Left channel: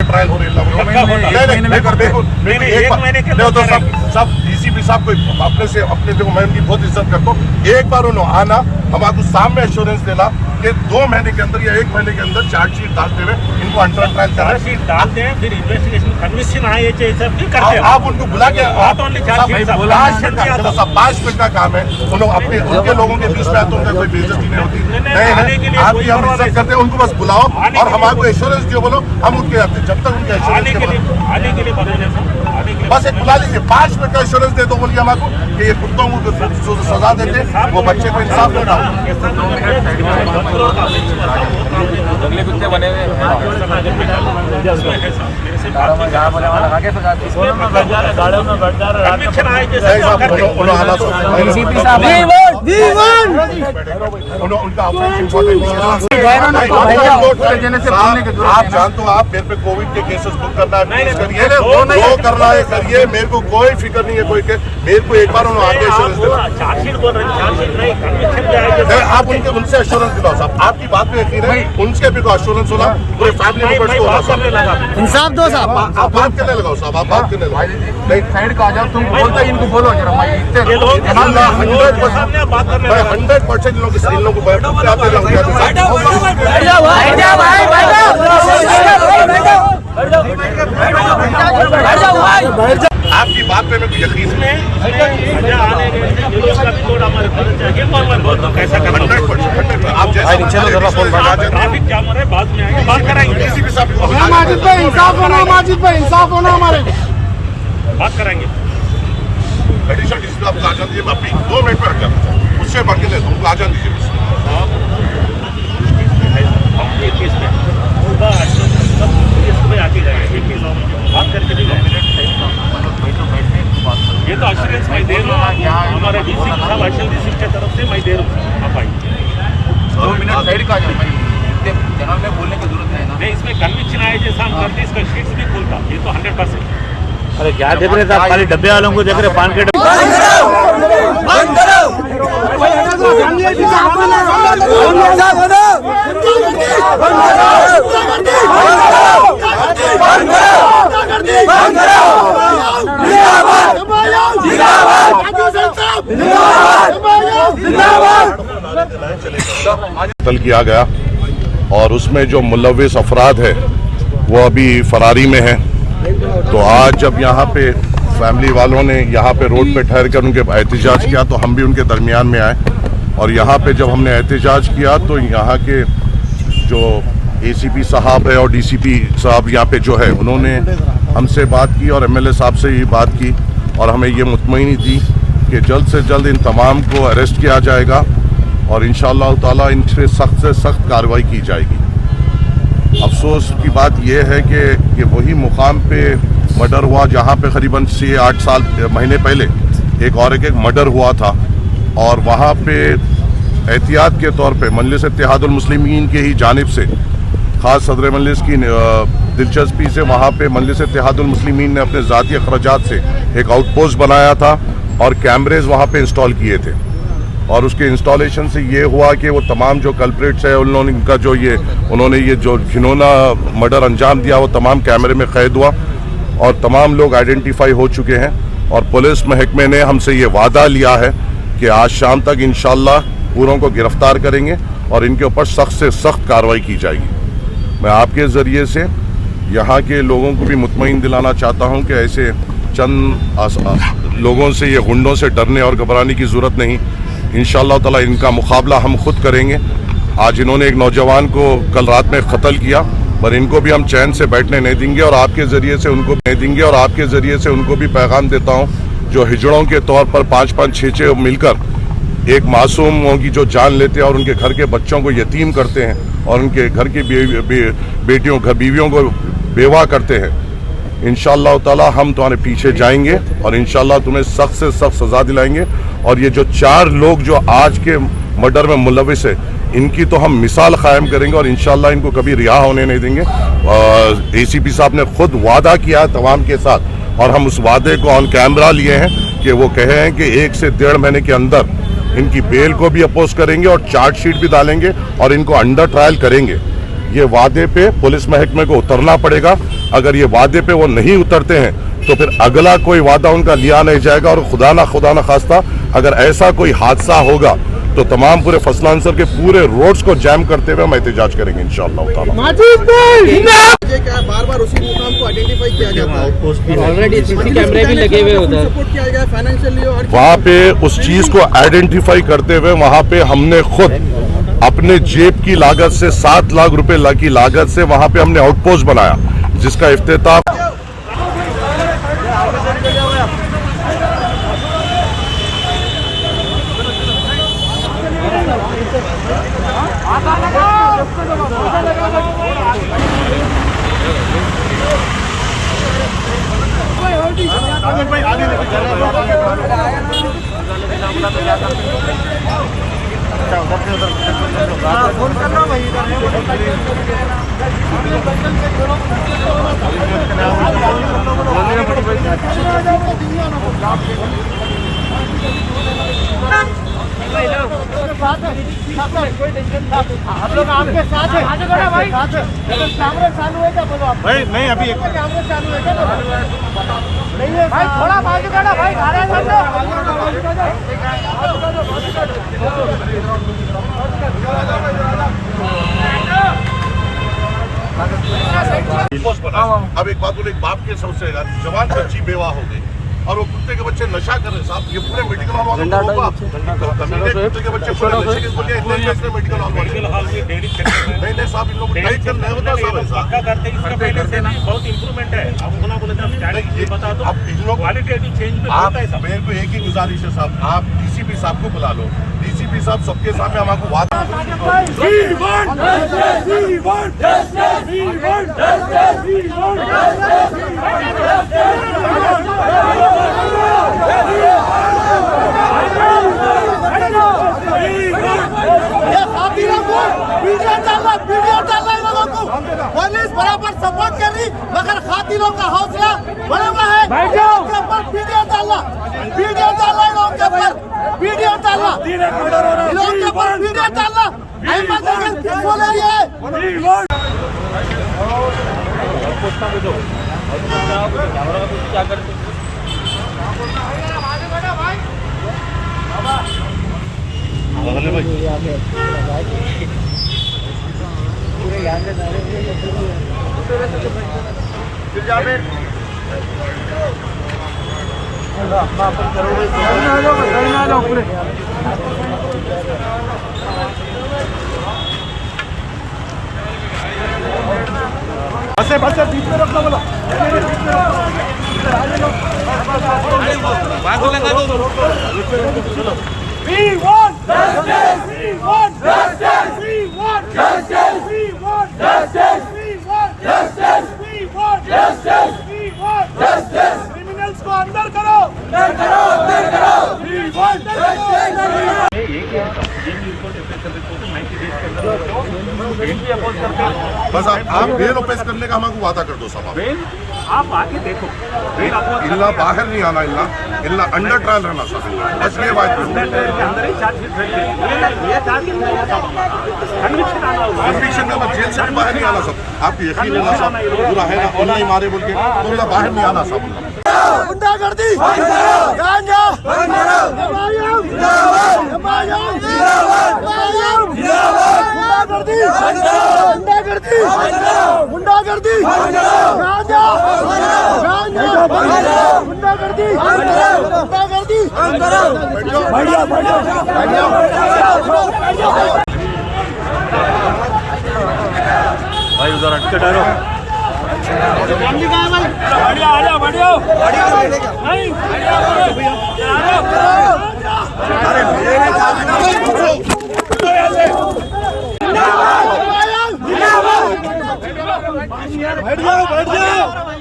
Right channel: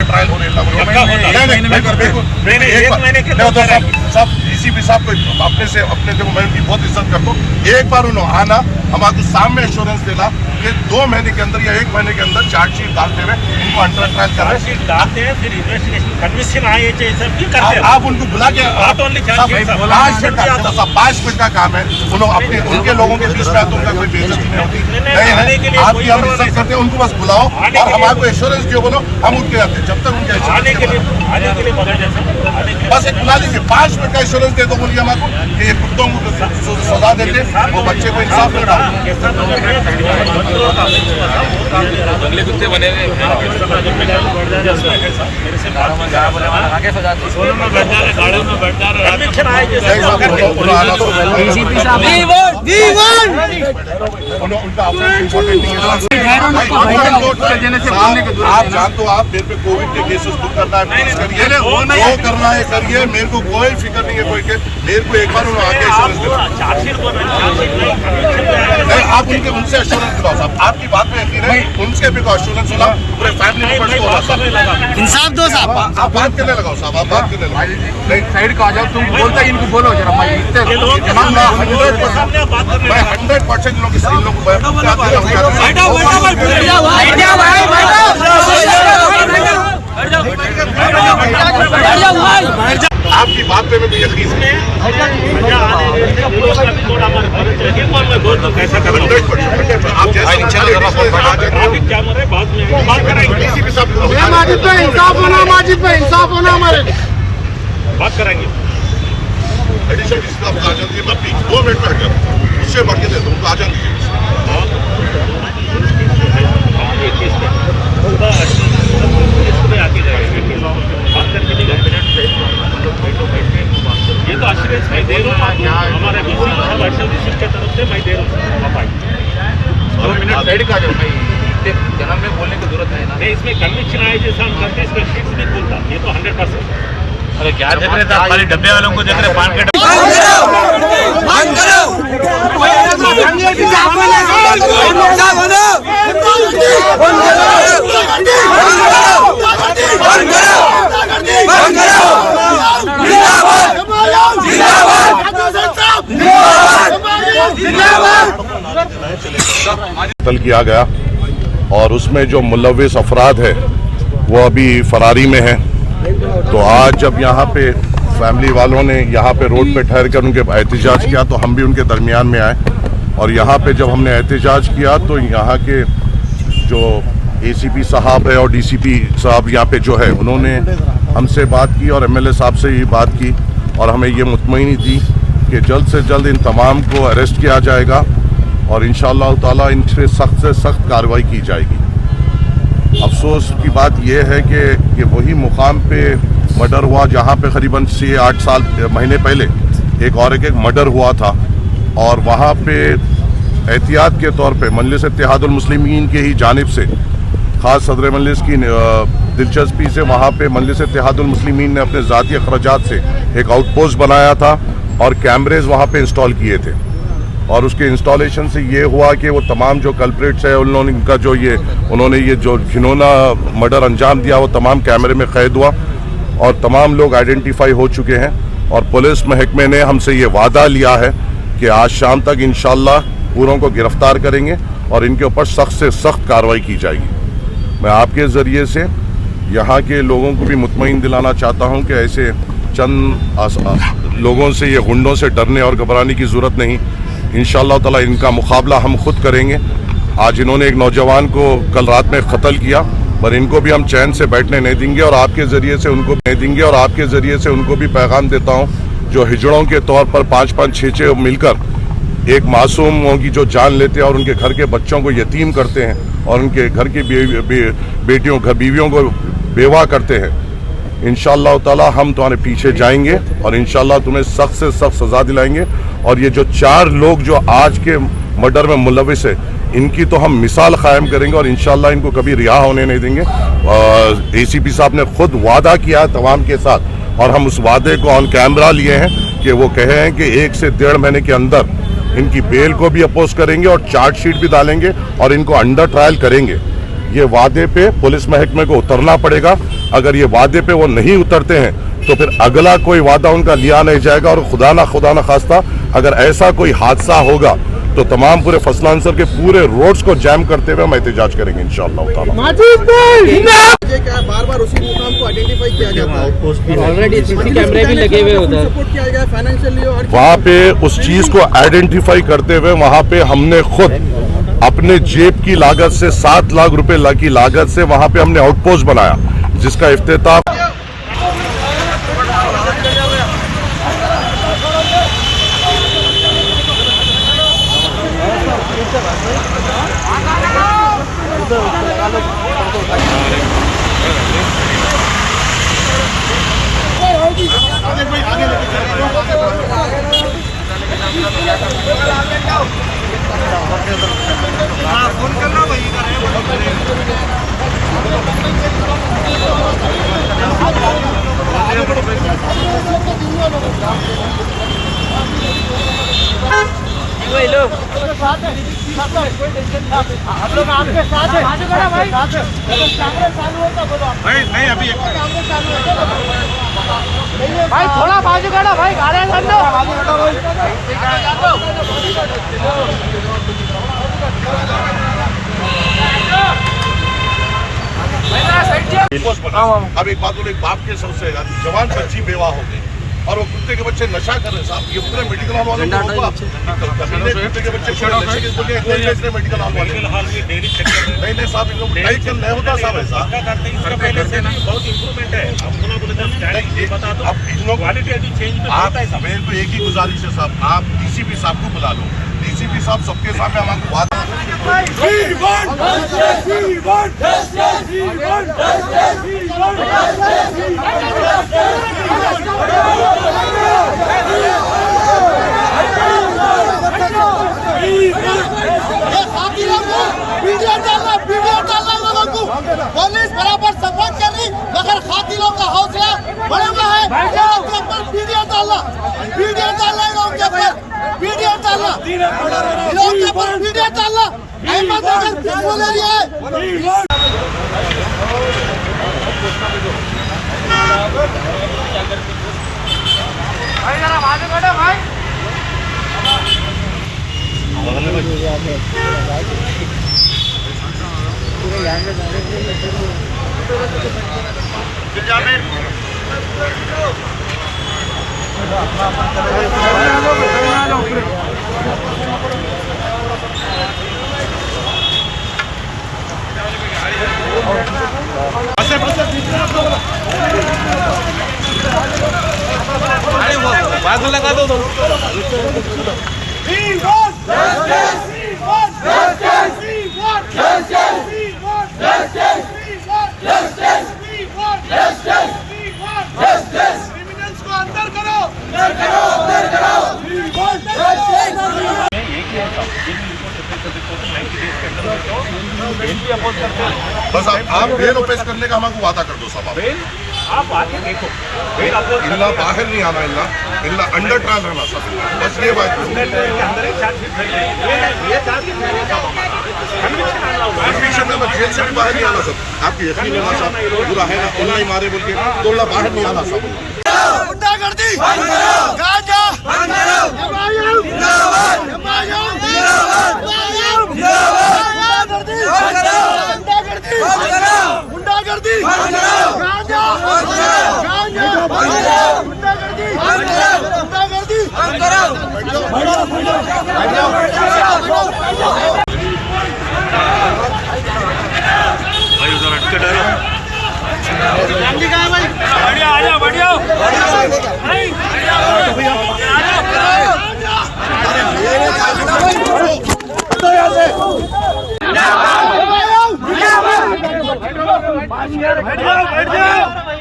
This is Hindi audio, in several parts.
ट्रायल हो रही है। सब डीसीपी साहब को अपने देखो मैं इनकी बहुत इज्जत करता हूँ। एक बार उन्होंने आना हमारे सामने एश्योरेंस देना कि 2 महीने के अंदर या 1 महीने के अंदर चार्जशीट डालते रहे, इनको अंडर ट्रायल कर रहे हैं, डालते हैं, फिर इन्वेस्टिगेशन कमीशन आए करते हैं। आप उनको बुला के 5 मिनट का काम है। उन्होंने उनके लोगों के बीच में उनका कोई बेइज्जती नहीं होती। नहीं आपकी हम इज्जत करते हैं, उनको बस बुलाओ और हमारे एश्योरेंस दियो, बोलो हम उठ के जाते हैं। जब तक उनके एश्योरेंस बस एक बुला लीजिए, 5 मिनट का एश्योरेंस दे दो बोलिए हमारे कि ये कुत्तों को सजा देते वो बच्चे को इंसाफ नहीं डालते। कुत्ते बने हुए उनका ऑफेंस इम्पोर्टेंट नहीं है। आप जानते हो, आप मेरे पे कोविड के केसेस बुक करना है करिए, जो करना है करिए, मेरे को कोई फिक्र नहीं है कोई के। मेरे को एक बार उन्होंने आगे एश्योरेंस दिला, आप उनसे एश्योरेंस दिलाओ साहब। आपकी बात पे यकीन है, उनसे भी तो एश्योरेंस होना पूरे फैमिली मेंबर्स को होगा साहब। इंसाफ दो साहब। आप बात करने लगाओ साहब, आप बात करने लगाओ। नहीं साइड का आ जाओ, तुम बोलता इनको बोलो जरा। 100% लोग इन लोगों को आपकी बात पे मैं यकीन है। 100% आप जैसा इंसाफ होना हमारे बात कराएंगे। एडिशनल डीसी साहब आ जान दीजिए, मैं अपनी 2 मिनट में हट जाता हूँ, उससे बढ़ के दे दूँ, आ जान दीजिए मुझसे। ये तो एश्योरेंस मैं दे रहा हूँ, हमारे की तरफ से मैं दे रहा हूँ। आप आइए 2 मिनट साइड का आ जाओ, जनाब में बोलने की जरूरत नहीं ना। नहीं, इसमें कन्विक्शन आए जैसा हम करते हैं, इसका फिक्स नहीं खोलता, ये तो 100%। अरे क्या देख रहे थे खाली डब्बे वालों को देख रहे, पान के कत्ल किया गया और उसमें जो मुलव्विस अफराद है वो अभी फरारी में है। तो आज जब यहाँ पे फैमिली वालों ने यहाँ पे रोड पे ठहर कर उनके एहतजाज किया तो हम भी उनके दरमियान में आए। और यहाँ पे जब हमने एहतजाज किया तो यहाँ के जो एसीपी साहब है और डीसीपी साहब यहाँ पे जो है उन्होंने हमसे बात की और एमएलए साहब से भी बात की और हमें ये मुतमईनी दी कि जल्द से जल्द इन तमाम को अरेस्ट किया जाएगा और इंशाअल्लाह ताला इन पर सख्त से सख्त कार्रवाई की जाएगी। अफसोस की बात यह है कि वही मुकाम पे मर्डर हुआ जहाँ पे करीबन 6-8 महीने पहले एक और एक मर्डर हुआ था और वहाँ पे एहतियात के तौर पे मजलिस इत्तेहादुल मुस्लिमीन के ही जानिब से ख़ास सदर मजलिस की दिलचस्पी से वहाँ पे मजलिस इत्तेहादुल मुस्लिमीन ने अपने ज़ाती अखराजात से एक आउटपोस्ट बनाया था और कैमरेज वहाँ पे इंस्टॉल किए थे और उसके इंस्टॉलेशन से ये हुआ कि वो तमाम जो कल्प्रिट्स है उन्होंने उन्होंने ये जो घिनौना मर्डर अंजाम दिया वो तमाम कैमरे में कैद हुआ और तमाम लोग आइडेंटिफाई हो चुके हैं और पुलिस महकमे ने हमसे ये वादा लिया है कि आज शाम तक इंशाअल्लाह पूरों को गिरफ्तार करेंगे और इनके ऊपर सख्त से सख्त कार्रवाई की जाएगी। मैं आपके ज़रिए से यहाँ के लोगों को भी मुतमईन दिलाना चाहता हूँ कि ऐसे चंद लोगों से ये गुंडों से डरने और घबराने की ज़रूरत नहीं। इंशाअल्लाह ताला इनका मुकाबला हम खुद करेंगे। आज इन्होंने एक नौजवान को कल रात में कत्ल किया पर इनको भी हम चैन से बैठने नहीं देंगे और आपके ज़रिए से उनको भी पैगाम देता हूँ जो हिजड़ों के तौर पर 5-5, 6-6 मिलकर एक मासूमों की जो जान लेते हैं और उनके घर के बच्चों को यतीम करते हैं और उनके घर की बीवियों को बेवा करते हैं। इंशाअल्लाह ताला हम तुम्हारे पीछे जाएंगे और इंशाअल्लाह तुम्हें सख्त से सख्त सज़ा दिलाएंगे और ये जो 4 लोग जो आज के मर्डर में मुलव्विस है इनकी तो हम मिसाल कायम करेंगे और इंशाअल्लाह इनको कभी रिहा होने नहीं देंगे। एसीपी साहब ने खुद वादा किया तमाम के साथ और हम उस वादे को ऑन कैमरा लिए हैं कि वो कहे हैं कि 1 से 1.5 महीने के अंदर इनकी बेल को भी अपोज करेंगे और चार्जशीट भी डालेंगे और इनको अंडर ट्रायल करेंगे। ये वादे पे पुलिस महकमे को उतरना पड़ेगा। अगर ये वादे पे वो नहीं उतरते हैं तो फिर अगला कोई वादा उनका लिया नहीं जाएगा, और खुदा ना खास्ता अगर ऐसा कोई हादसा होगा तो तमाम पूरे फसलांसर के पूरे रोड्स को जैम करते हुए हम एहतजाज करेंगे इंशाअल्लाह ताला। बार-बार उसी मुकाम को आइडेंटिफाई किया जाता है। ऑलरेडी सीसी कैमरे भी लगे हुए उधर। सपोर्ट किया गया फाइनेंशियली और वहाँ पे उस चीज को आइडेंटिफाई करते हुए वहाँ पे हमने खुद अपने जेब की लागत से 7 लाख रुपए की लागत से वहाँ पे हमने आउटपोस्ट बनाया, जिसका इफ्तिताह आप लोग आपके साथ है, कैमरे चालू है क्या बोलो आप? नहीं अभी कैमरे चालू है क्या? नहीं है थोड़ा बाजू काढ़ो भाई, अब एक बात बोले, एक बाप के सबसे जवान बच्ची बेवा हो गई और वो कुत्ते के बच्चे नशा कर रहे हैं साहब। ये पूरे मेडिकल हॉल वालों को रोको आप। कमीने कुत्ते के बच्चे पूरे नशे के बोलिए इतने मेडिकल हॉल वाले नहीं साहब, इन लोग टाइट कर नहीं होता साहब ऐसा। पहले से भी बहुत इम्प्रूवमेंट है। आप सुना बोले तो बता दो, अब इन लोग क्वालिटेटिव चेंज तो होता है साहब। मेरे को एक ही गुजारिश है साहब, आप डीसीपी साहब को बुला लो। डीसीपी साहब सबके सामने हमारे वादा वीडियो डालना लोगों को पुलिस बराबर सपोर्ट कर रही, मगर खातिरों का हौसला बड़ा हुआ है। लोगों के ऊपर वीडियो डालना लोगों के ऊपर वीडियो डालना लोगों के ऊपर वीडियो डालना अहमद अगर बोल रही है। क्रिमिनल्स को अंदर करो। बस आप बेल ओपेस करने का हमको वादा कर दो साहब। आप आके देखो, इल्ला बाहर नहीं आना, इल्ला अंडर ट्रायल रहना साहब, बस ये बात कन्विक्शन में जेल से बाहर नहीं आना साहब। आपकी यकीन है ना साहब, पूरा है ना ओला ही मारे बोल के तो बाहर नहीं आना साहब। गुंडागर्दी गांजा गुंडागर्दी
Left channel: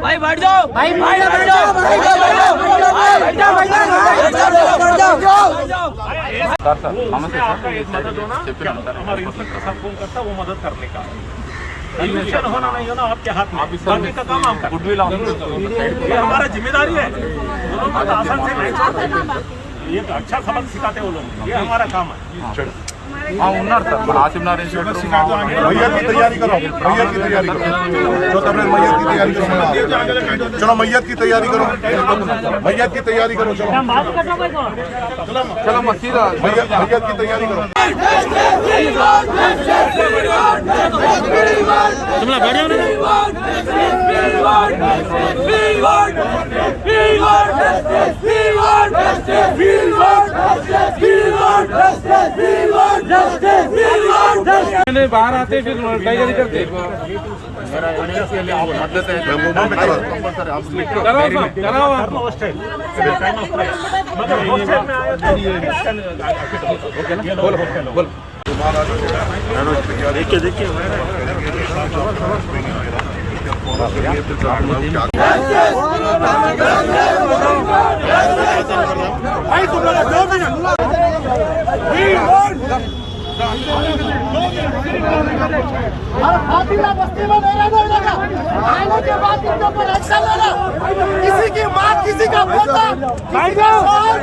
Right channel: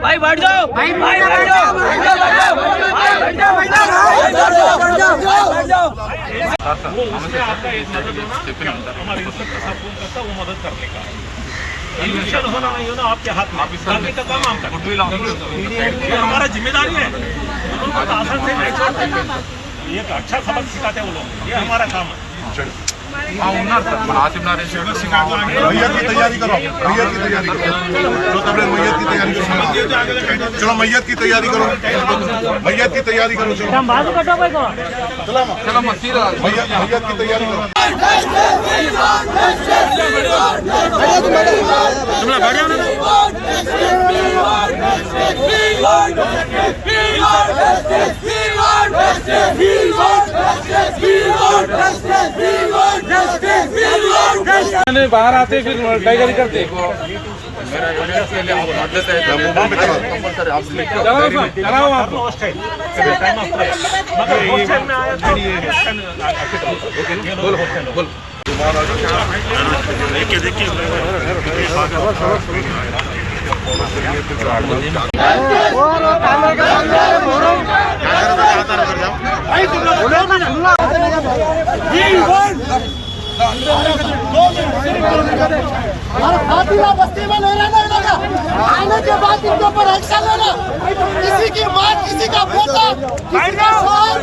भाई बैठ जाओ, भाई बैठ जाओ, आपका एक मदद होना, हमारे इंस्पेक्टर साहब फोन करता, वो मदद करने का इलेक्शन होना नहीं होना आपके हाथ में, बाकी का काम आपका। ये हमारा जिम्मेदारी है, उनको तो आसान से नहीं छोड़ते, ये अच्छा सबक सिखाते वो लोग, ये हमारा काम है। आसिफ नारायण मैयत की तैयारी करो, मैयत की तैयारी करो, चलो तब मैयत की तैयारी करो, चलो मैयत की तैयारी करो, मैयत की तैयारी करो, चलो चलो मैयत की तैयारी करो। बाहर आते फिर टाइगर करते मेरा एविडेंस के लिए आप मदद है तो कंपलसरी आप लिख दो चलाओ आप बोलो बोलो और खातिला बस्ती में नहीं रहने लगा। आने के बाद इनके ऊपर एक्शन लेना। किसी की माँ, किसी का पोता, किसी का शौहर